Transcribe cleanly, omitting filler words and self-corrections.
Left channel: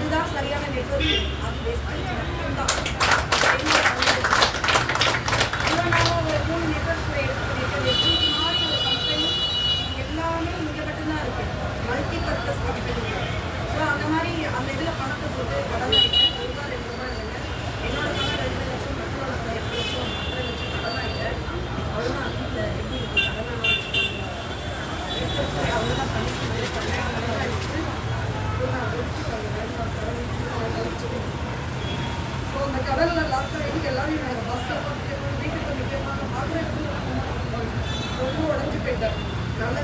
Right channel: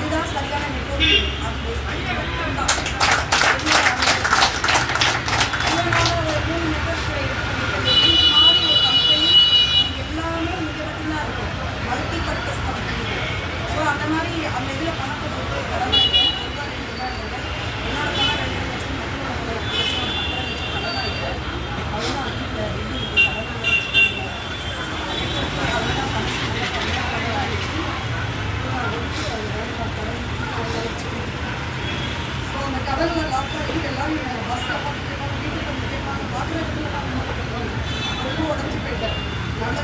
அதுதான் சரியான நெட்வொர்க். அது பேஸ் பண்ணி மட்டும்தான் இவ்வளோ நாள் ஒரு 3 நெட்வொர்க்ஸில் எடுத்து பண்ணிட்டு இந்த மாதிரி ஒரு கம்பெனி எல்லாமே இங்கே மட்டும்தான் இருக்கும், மல்டி பர்பஸ் கம்பெனி. ஸோ அந்த மாதிரி அந்த இதில் பணத்தை போட்டு கடன் வாங்கிட்டேன். ஒரு ரூபா 2 ரூபா இல்லை, என்னோட பணம் 2 லட்சம், மற்றவங்க 2 லட்சம், 1.5 லட்சம் கடன் வாங்கிட்டேன். அவ்வளோதான். வீட்டில் எப்படி இருக்குது கடனை வச்சுக்கோங்க. அவங்க தான் பண்ணி கடன் ஆகிடுச்சு. ஸோ அந்த கடலில் லாஸ்ட்டாக வீட்டு எல்லாரும் நாங்கள் பஸ்ஸில் பார்த்துட்டு வீட்டுக்கு முக்கியமாக பார்க்குற இடத்துல நான் ரொம்ப உடஞ்சி போயிட்டேன். நல்ல